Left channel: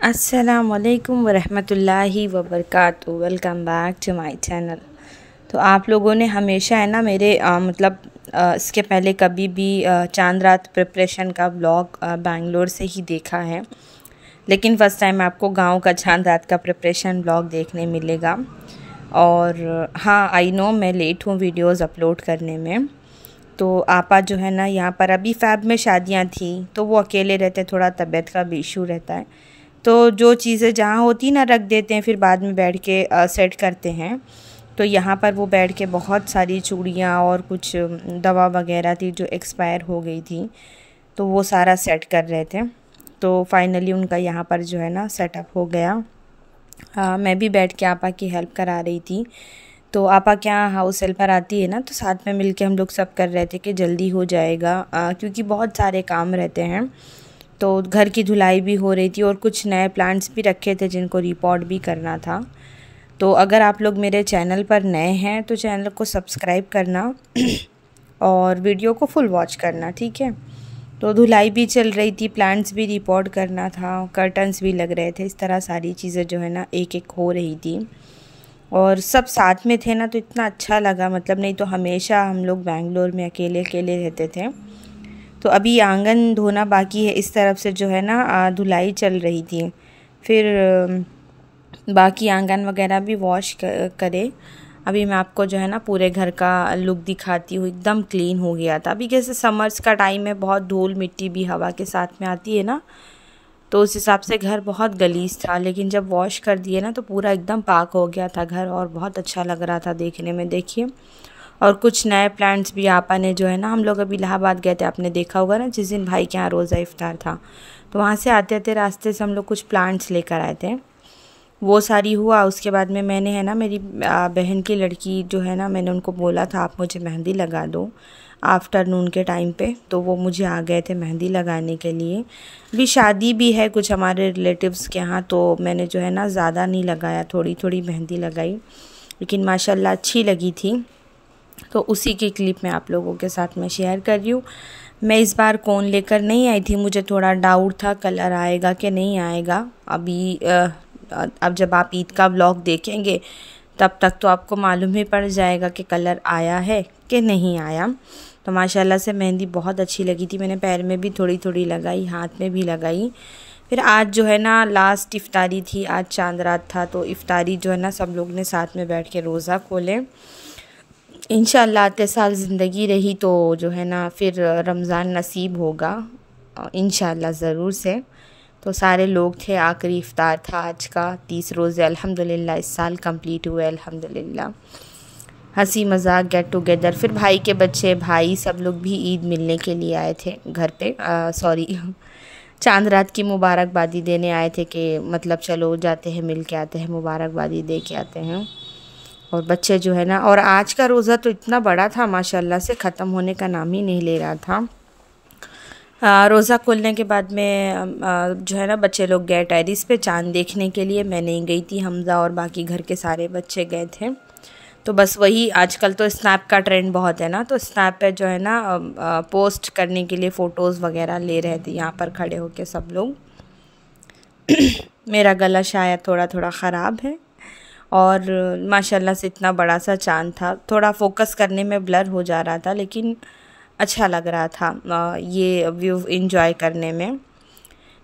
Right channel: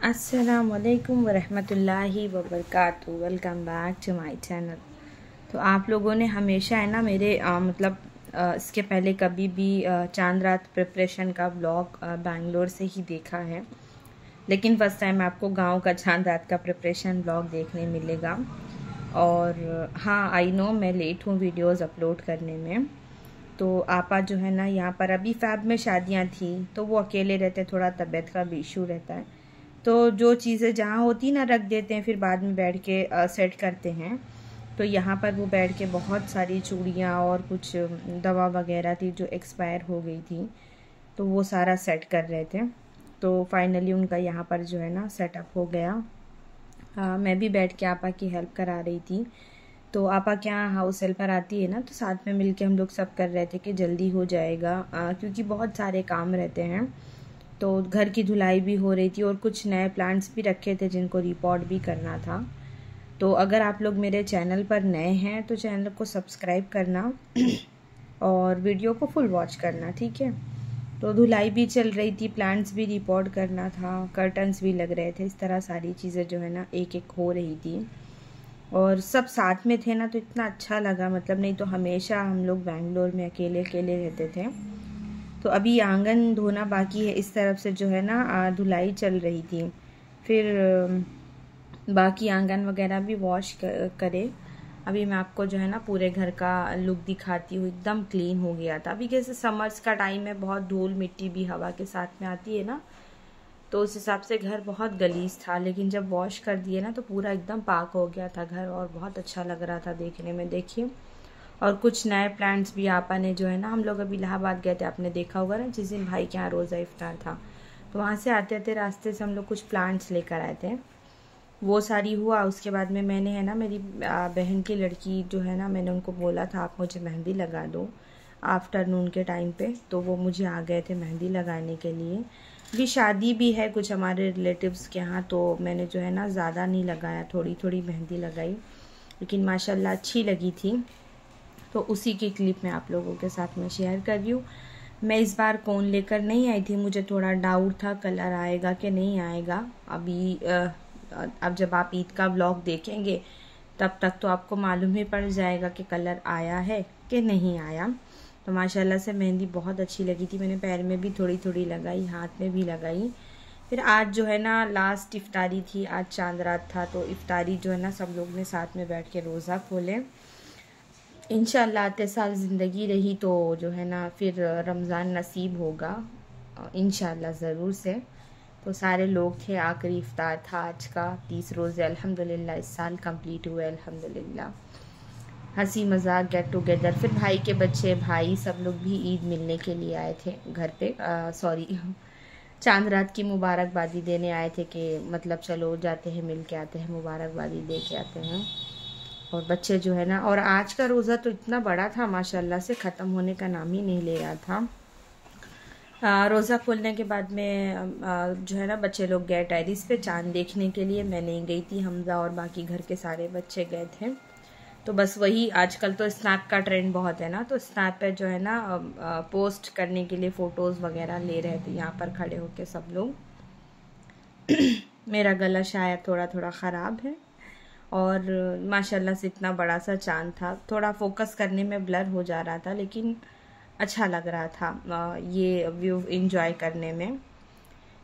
अस्सलामुअलैकुम वरहमतुल्लाहि वबरकातुहू। Welcome back to my channel. तो आप लोगों ने हमेशा है ना मेरे इसके पहले कभी भी चांद रात प्रिपरेशन का व्लॉग बैंगलोर से ही देखा है, लेकिन फ़र्स्ट टाइम आपको गांव का चांद रात का प्रिपरेशन व्लॉग देखने मिलेगा। और हाँ, आई नो मैं लेट हूँ वीडियोस अपलोड करने में। तो आपा जो है ना यहाँ पर अभी फ़ैब में शादियाँ थी तो वो अकेले रहते, थोड़ा तबीयत का भी इशू रहता है, तो जो चीज़ें जहाँ होती ना रख देते हैं, फिर बाद में बैठ के सेट करते हैं। तो यहाँ पर वो बैठ के बहुत सारी चूड़ियाँ और कुछ दवा वगैरह थी जो एक्सपायर हो गई थी, तो वो सारा सेट कर रहे थे। तो फाइनली उनका यहाँ पर जो है ना सेटअप हो गया। मैं भी बैठ के आपा की हेल्प करा रही थी। तो आपा क्या हाउस हेल्पर आती है ना, तो साथ में मिलके हम लोग सब कर रहे थे कि जल्दी हो जाएगा, क्योंकि बहुत सारे काम रहते हैं। तो घर की धुलाई भी हो रही थी और कुछ नए प्लांट्स भी रखे थे जिनको रिपोर्ट भी करना था। तो अगर आप लोग मेरे चैनल पर नए हैं तो चैनल को सब्सक्राइब करना और वीडियो को फुल वॉच करना, ठीक है। तो धुलाई भी चल रही थी, प्लांट्स भी रिपोर्ट करना था, कर्टन्स भी लग रहे थे, इस तरह सारी चीज़ें जो है ना एक एक हो रही थी। और सब साथ में थे ना, तो इतना अच्छा लगा, मतलब नहीं तो हमेशा हम लोग बेंगलोर में अकेले अकेले रहते थे। तो अभी आंगन धोना बाकी है, इस तरफ से जो है ना धुलाई चल रही थी। फिर बाकी आंगन वगैरह भी वॉश करे। अभी मैं आपको जो है ना पूरे घर का लुक दिखाती हूँ। एकदम क्लीन हो गया था। अभी जैसे समर्स का टाइम है, बहुत धूल मिट्टी भी हवा के साथ में आती है ना, तो उस हिसाब से घर बहुत गलीज था, लेकिन जब वॉश कर दिए ना तो पूरा एकदम पाक हो गया था घर, और बहुत अच्छा लग रहा था देखने में। देखिए, और कुछ नए प्लांट्स भी आपा ने जो है ना, हम लोग अभी इलाहाबाद गए थे, आपने देखा होगा ना जिस दिन भाई के यहाँ रोज़ा इफ्तार था, तो वहाँ से आते आते रास्ते से हम लोग कुछ प्लांट्स लेकर आए थे। वो सारी हुआ। उसके बाद में मैंने है ना मेरी बहन की लड़की जो है ना, मैंने उनको बोला था आप मुझे मेहंदी लगा दो आफ्टरनून के टाइम पे, तो वो मुझे आ गए थे मेहंदी लगाने के लिए। भी शादी भी है कुछ हमारे रिलेटिव्स के यहाँ, तो मैंने जो है ना ज़्यादा नहीं लगाया, थोड़ी थोड़ी मेहंदी लगाई, लेकिन माशाल्लाह अच्छी लगी थी। तो उसी की क्लिप मैं आप लोगों के साथ में शेयर कर रही हूँ। मैं इस बार कोन लेकर नहीं आई थी, मुझे थोड़ा डाउट था कलर आएगा कि नहीं आएगा। अभी अब जब आप ईद का व्लॉग देखेंगे तब तक तो आपको मालूम ही पड़ जाएगा कि कलर आया है कि नहीं आया। तो माशाल्लाह से मेहंदी बहुत अच्छी लगी थी। मैंने पैर में भी थोड़ी थोड़ी लगाई, हाथ में भी लगाई। फिर आज जो है ना लास्ट इफ्तारी थी, आज चांद रात था, तो इफ्तारी जो है ना सब लोग ने साथ में बैठ के रोज़ा खोले। इंशाअल्लाह आते साल ज़िंदगी रही तो जो है ना फिर रमज़ान नसीब होगा इंशाअल्लाह ज़रूर से। तो सारे लोग थे, आखिरी इफ्तार था आज का, 30 रोज़े अल्हम्दुलिल्लाह इस साल कंप्लीट हुए अल्हम्दुलिल्लाह। हंसी मजाक गेट टुगेदर। फिर भाई के बच्चे, भाई सब लोग भी ईद मिलने के लिए आए थे घर पे, सॉरी चांद रात की मुबारकबादी देने आए थे कि मतलब चलो जाते हैं मिल के आते हैं, मुबारकबादी दे के आते हैं। और बच्चे जो है ना, और आज का रोज़ा तो इतना बड़ा था माशाल्लाह से, ख़त्म होने का नाम ही नहीं ले रहा था। रोज़ा खोलने के बाद में जो है ना बच्चे लोग गए टेरिस पे चांद देखने के लिए। मैं नहीं गई थी, हमज़ा और बाकी घर के सारे बच्चे गए थे। तो बस वही, आजकल तो स्नैप का ट्रेंड बहुत है ना, तो स्नैप पे जो है ना पोस्ट करने के लिए फ़ोटोज़ वगैरह ले रहे थे यहाँ पर खड़े होके सब लोग। मेरा गला शायद थोड़ा थोड़ा ख़राब है, और माशाल्लाह से इतना बड़ा सा चाँद था, थोड़ा फोकस करने में ब्लर हो जा रहा था, लेकिन अच्छा लग रहा था ये व्यू एंजॉय करने में।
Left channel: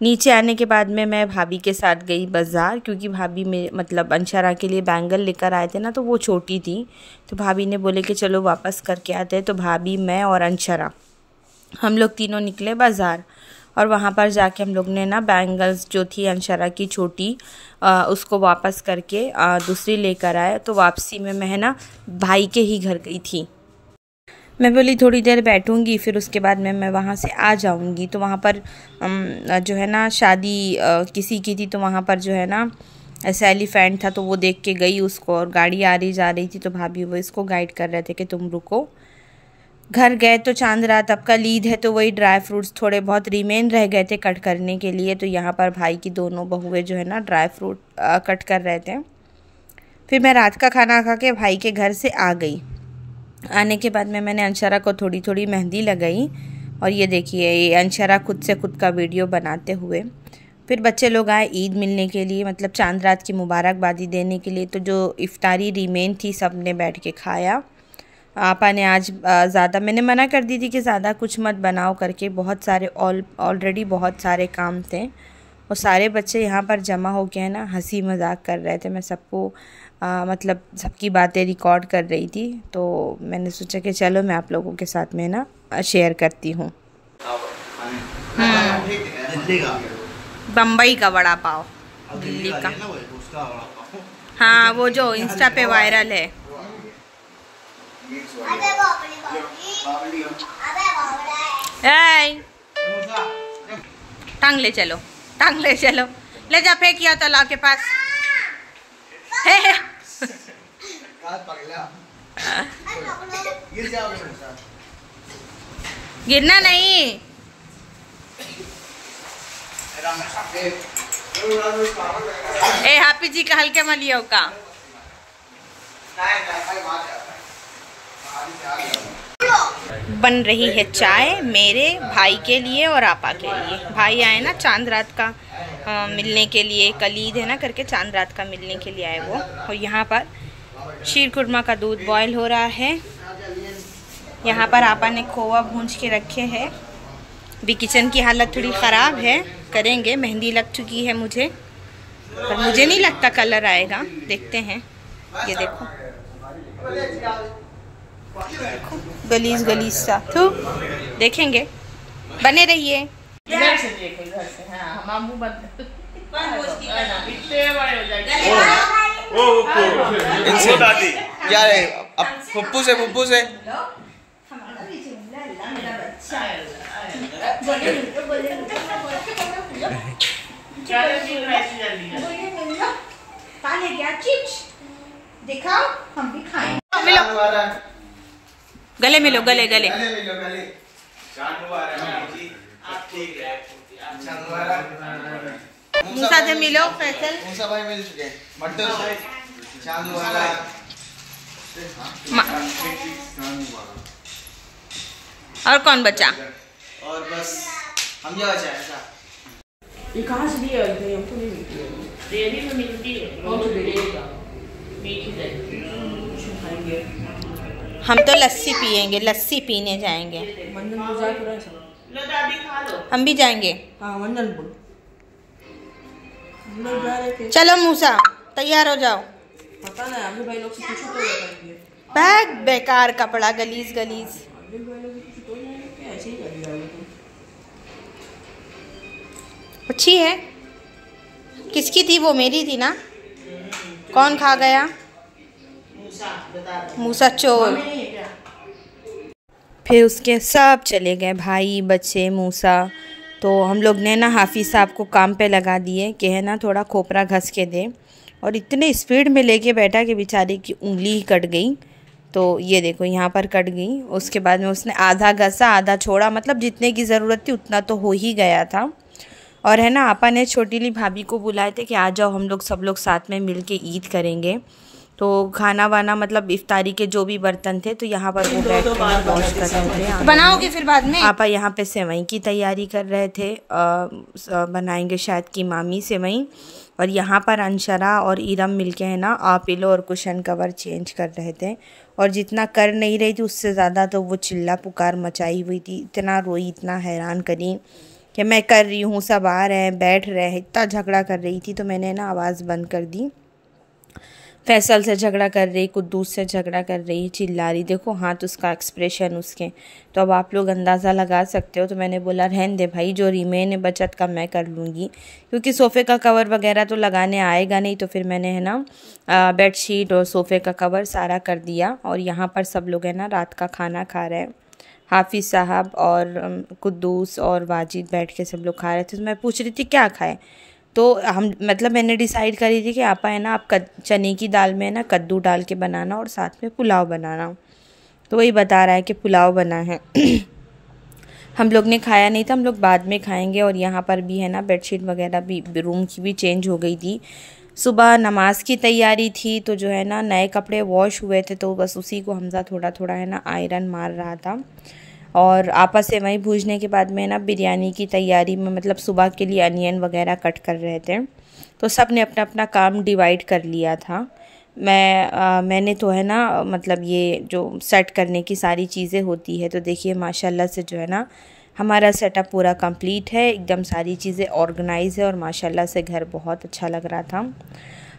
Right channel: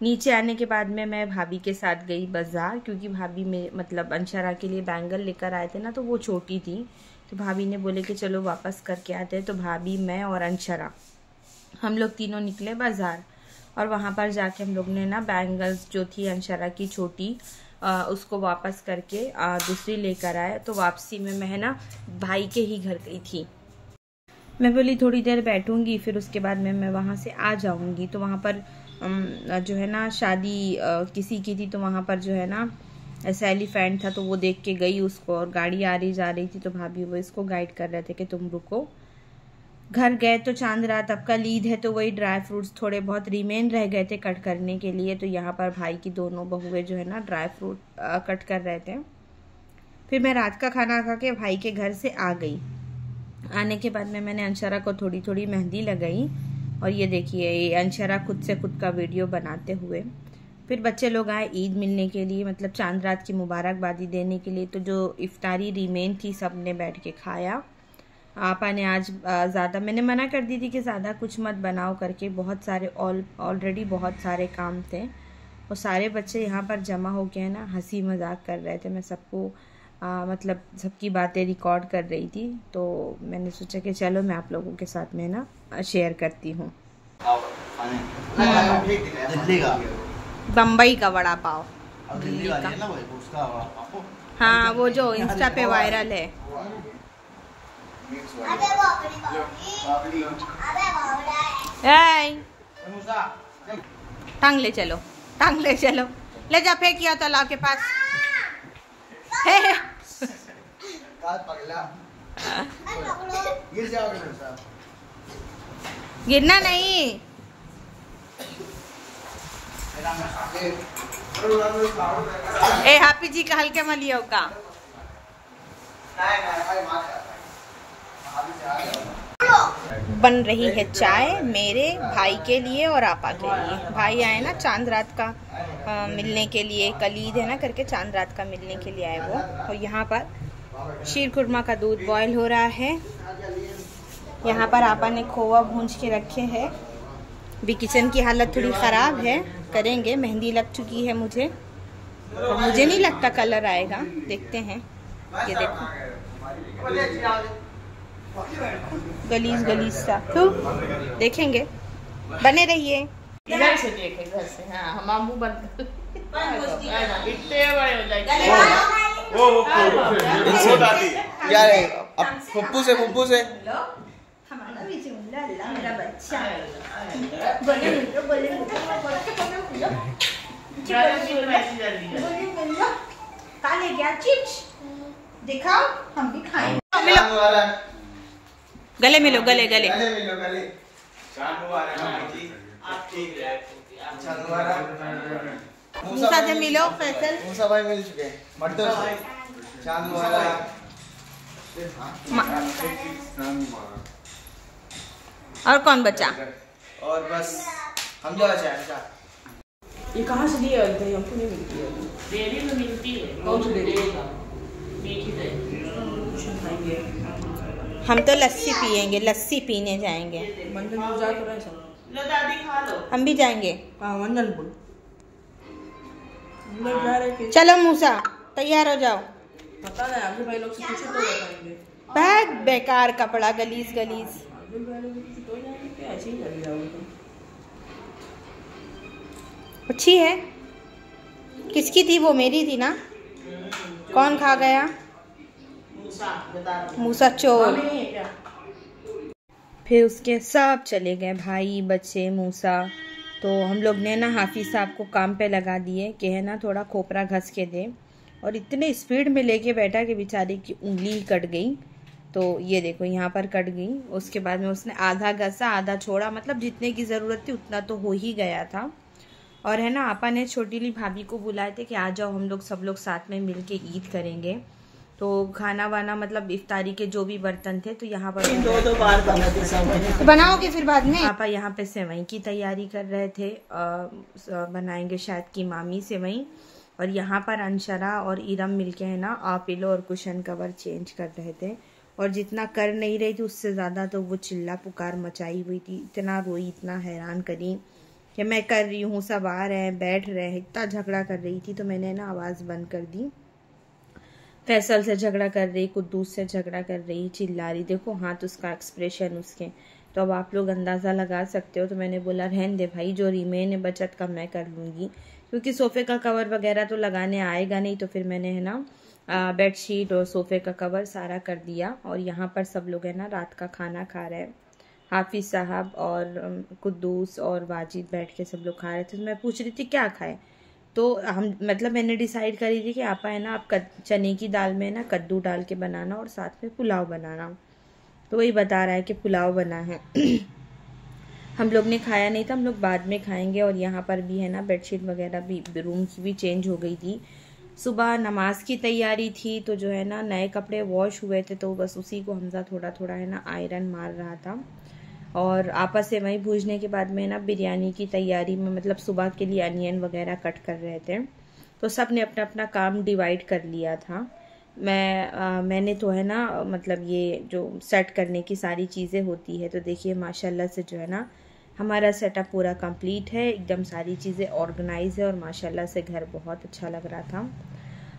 नीचे आने के बाद में मैं भाभी के साथ गई बाज़ार, क्योंकि भाभी में मतलब अंशरा के लिए बैंगल लेकर आए थे ना, तो वो छोटी थी, तो भाभी ने बोले कि चलो वापस करके आते हैं। तो भाभी, मैं और अंशरा हम लोग तीनों निकले बाज़ार, और वहाँ पर जाके हम लोग ने ना बैंगल्स जो थी अंशरा की छोटी, उसको वापस करके दूसरी लेकर आए। तो वापसी में मैं है ना भाई के ही घर गई थी। मैं बोली थोड़ी देर बैठूंगी, फिर उसके बाद में मैं वहाँ से आ जाऊंगी। तो वहाँ पर जो है ना शादी किसी की थी, तो वहाँ पर जो है ना ऐसा एलिफेंट था, तो वो देख के गई उसको, और गाड़ी आ रही जा रही थी, तो भाभी वो इसको गाइड कर रहे थे कि तुम रुको। घर गए तो चांद रात, अब कल ईद है, तो वही ड्राई फ्रूट्स थोड़े बहुत रिमेन रह गए थे कट करने के लिए। तो यहाँ पर भाई की दोनों बहुएं जो है ना ड्राई फ्रूट कट कर रहे थे। फिर मैं रात का खाना खा के भाई के घर से आ गई। आने के बाद में मैंने अंशरा को थोड़ी थोड़ी मेहंदी लगाई, और ये देखिए ये अंशरा खुद से खुद का वीडियो बनाते हुए। फिर बच्चे लोग आए ईद मिलने के लिए, मतलब चांद रात की मुबारकबादी देने के लिए। तो जो इफ्तारी रिमेन थी सब ने बैठ के खाया। आपा ने आज ज़्यादा, मैंने मना कर दी थी कि ज़्यादा कुछ मत बनाओ करके, बहुत सारे ऑलरेडी बहुत सारे काम थे और सारे बच्चे यहाँ पर जमा हो के है ना हंसी मजाक कर रहे थे। मैं सबको मतलब सबकी बातें रिकॉर्ड कर रही थी, तो मैंने सोचा कि चलो मैं आप लोगों के साथ में ना शेयर करती हूँ। बम्बई का वड़ा पाव, दिल्ली का, हाँ वो जो इंस्टा पे वायरल है। टांग ले चलो, टांग ले चलो, ले जा फेंकिया तालाब के पास। गिरना नहीं। ए हापी जी का हल्के मलियो का। बन रही है चाय मेरे भाई के लिए और आपा के लिए। भाई आए ना चांद रात का मिलने के लिए, कल ईद है ना करके चांद रात का मिलने के लिए आए वो। और यहाँ पर शीर खुरमा का दूध बॉयल हो रहा है। यहाँ पर आपा ने खोवा भूंज के रखे हैं। भी किचन की हालत थोड़ी ख़राब है, करेंगे। मेहंदी लग चुकी है मुझे, पर मुझे नहीं लगता कलर आएगा, देखते हैं। ये देखो गलीज गलीज सा, तो देखेंगे, बने रहिए। इधर से देख, इधर से। हाँ हम मुंह बंद यार, अब फुप्पू से मेरा बच्चा चिप्स दिखाओ, हम भी खाएंगे। मिलो, गले मिलो, गले गले। मूसा से मिलो, फैसल। मूसा भाई मिल चुके हैं। और कौन बचा? और बस हम लोग बचा। ये कहाँ से लिए होते हैं? हमको नहीं मिलती है। डेयरी में मिलती है। कौन सी डेयरी का? हम तो लस्सी पियेंगे, लस्सी पीने जाएंगे। हम भी जाएंगे। चलो मूसा तैयार हो जाओ। बैग बेकार कपड़ा, गलीज गलीज। अच्छी है, किसकी थी वो? मेरी थी ना। कौन खा गया? मूसा चोर। फिर उसके सब चले गए, भाई बच्चे मूसा। तो हम लोग ने ना हाफिज़ साहब को काम पे लगा दिए कि है ना थोड़ा खोपरा घस के दे, और इतने स्पीड में लेके बैठा कि बेचारे की उंगली ही कट गई। तो ये देखो यहाँ पर कट गई। उसके बाद में उसने आधा घसा आधा छोड़ा, मतलब जितने की ज़रूरत थी उतना तो हो ही गया था। और है ना आपा ने छोटीली भाभी को बुलाए थे कि आ जाओ हम लोग सब लोग साथ में मिल के ईद करेंगे। तो खाना वाना मतलब इफ्तारी के जो भी बर्तन थे तो यहाँ पर तो बनाओगे फिर बाद में। आपा यहाँ पे सेवई की तैयारी कर रहे थे, बनाएंगे शायद की मामी सेवई। और यहाँ पर अंशरा और इरम मिलके है ना पिलो और कुशन कवर चेंज कर रहे थे। और जितना कर नहीं रही थी उससे ज़्यादा तो वो चिल्ला पुकार मचाई हुई थी। इतना रोई, इतना हैरान करी कि मैं कर रही हूँ, सब आ रहे हैं, बैठ रहे हैं, इतना झगड़ा कर रही थी। तो मैंने ना आवाज़ बंद कर दी। फैसल से झगड़ा कर रही, कुद्दूस से झगड़ा कर रही, चिल्ला रही। देखो हाथ उसका, एक्सप्रेशन उसके, तो अब आप लोग अंदाज़ा लगा सकते हो। तो मैंने बोला रहन दे भाई, जो रिमेन है बचत का मैं कर लूँगी, क्योंकि सोफ़े का कवर वगैरह तो लगाने आएगा नहीं। तो फिर मैंने है ना बेडशीट और सोफ़े का कवर सारा कर दिया। और यहाँ पर सब लोग है ना रात का खाना खा रहे हैं। हाफिज़ साहब और कुद्दूस और वाजिद बैठ के सब लोग खा रहे थे। तो मैं पूछ रही थी क्या खाएं, तो हम मतलब मैंने डिसाइड करी थी कि आपा है ना आप चने की दाल में है ना कद्दू डाल के बनाना और साथ में पुलाव बनाना। तो वही बता रहा है कि पुलाव बना है। हम लोग ने खाया नहीं था, हम लोग बाद में खाएंगे। और यहाँ पर भी है ना बेडशीट वगैरह भी रूम की भी चेंज हो गई थी। सुबह नमाज की तैयारी थी, तो जो है ना नए कपड़े वॉश हुए थे, तो बस उसी को हमजा थोड़ा थोड़ा है ना आयरन मार रहा था। और आपा सेवई भूजने के बाद में ना बिरयानी की तैयारी में मतलब सुबह के लिए अनियन वगैरह कट कर रहे थे। तो सब ने अपना अपना काम डिवाइड कर लिया था। मैंने तो है ना मतलब ये जो सेट करने की सारी चीज़ें होती है, तो देखिए माशाल्लाह से जो है ना हमारा सेटअप पूरा कंप्लीट है, एकदम सारी चीज़ें ऑर्गेनाइज है और माशाल्लाह से घर बहुत अच्छा लग रहा था।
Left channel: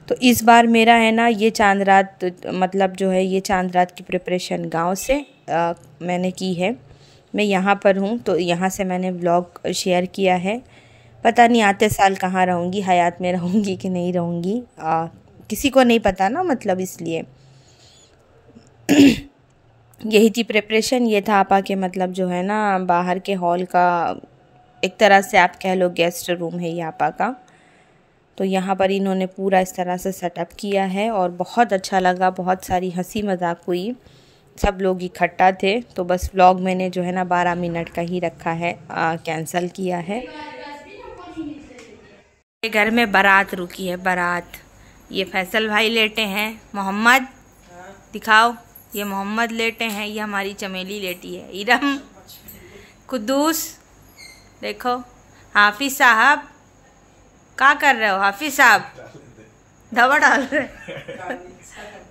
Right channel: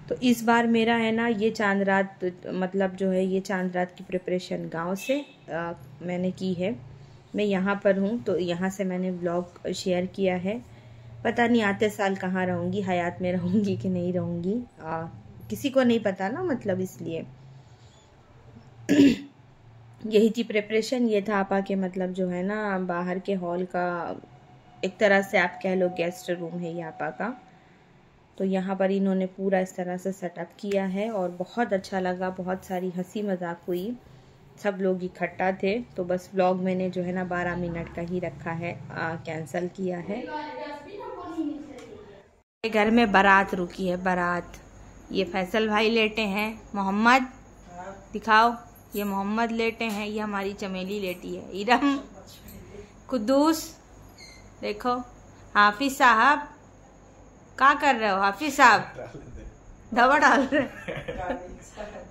तो इस बार मेरा है ना ये चांद रात मतलब जो है ये चांद रात की प्रिपरेशन गांव से मैंने की है। मैं यहाँ पर हूँ तो यहाँ से मैंने व्लॉग शेयर किया है। पता नहीं आते साल कहाँ रहूँगी, हयात में रहूँगी कि नहीं रहूँगी, किसी को नहीं पता ना, मतलब इसलिए यही थी प्रिपरेशन। ये था आपा के मतलब जो है ना बाहर के हॉल का, एक तरह से आप कह लो गेस्ट रूम है ये आपा का। तो यहाँ पर इन्होंने पूरा इस तरह से सेटअप किया है और बहुत अच्छा लगा, बहुत सारी हंसी मजाक हुई, सब लोग इकट्ठा थे। तो बस व्लॉग मैंने जो है ना 12 मिनट का ही रखा है, कैंसिल किया है। घर में बारात रुकी है, बारात। ये फैसल भाई लेटे हैं, मोहम्मद दिखाओ, ये मोहम्मद लेटे हैं, ये हमारी चमेली लेटी है, इरम, कुद्दूस, देखो हाफिज साहब, क्या कर रहे हो हाफिज साहब, दवा डाल रहे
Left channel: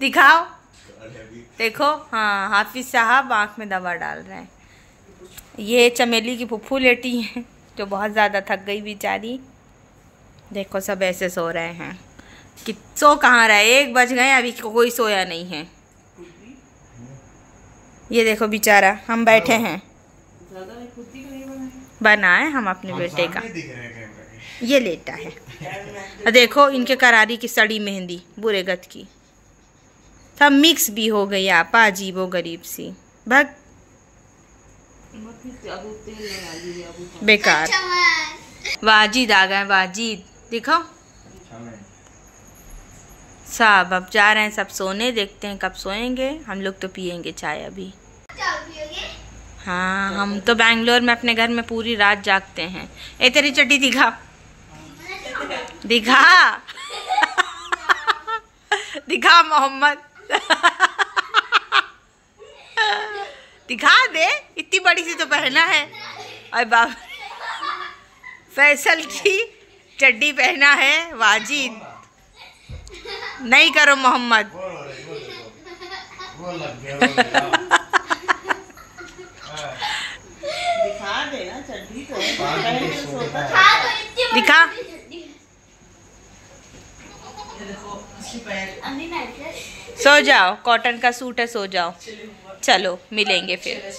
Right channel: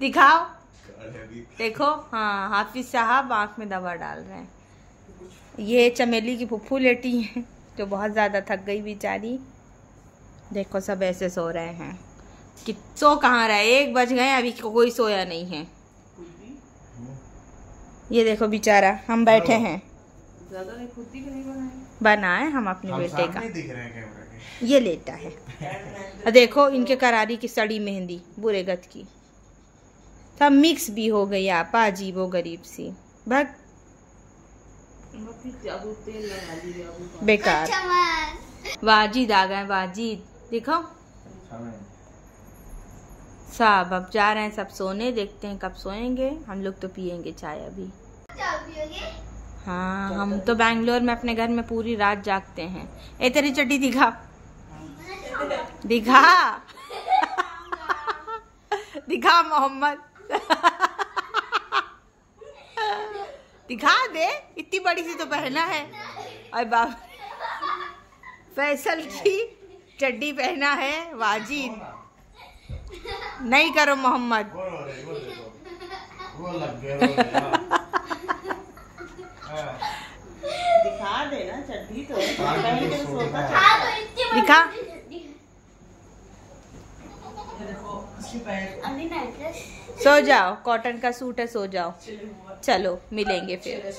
दिखाओ, देखो, हाँ हाफिज साहब आँख में दवा डाल रहे हैं। ये चमेली की फुफ्फू लेटी है जो बहुत ज़्यादा थक गई बेचारी। देखो सब ऐसे सो रहे हैं कि सो कहाँ रहे, 1 बज गए अभी कोई सोया नहीं है। ये देखो बेचारा, हम बैठे हैं, बनाए हम अपने बेटे का, ये लेटा है। देखो इनके करारी की सड़ी मेहंदी बुरे गत की, सब मिक्स भी हो गई आपा, अजीबो गरीब सी, भग बेकार। वाजिद आ गए, वाजिद दिखाओ सब। अब जा रहे हैं सब सोने, देखते हैं कब सोएंगे। हम लोग तो पियेंगे चाय अभी। हाँ हम तो बेंगलोर में अपने घर में पूरी रात जागते हैं। ए तेरी चड्डी दिखा, दिखा दिखा मोहम्मद दिखा दे, इतनी बड़ी सी तो पहना है। और बाबा फैसल की चड्डी पहना है वाजिद, नहीं करो मोहम्मद। दिखा देना चड्डी को, दिखा। सो जाओ, कॉटन का सूट है, सो जाओ। चलो मिलेंगे फिर।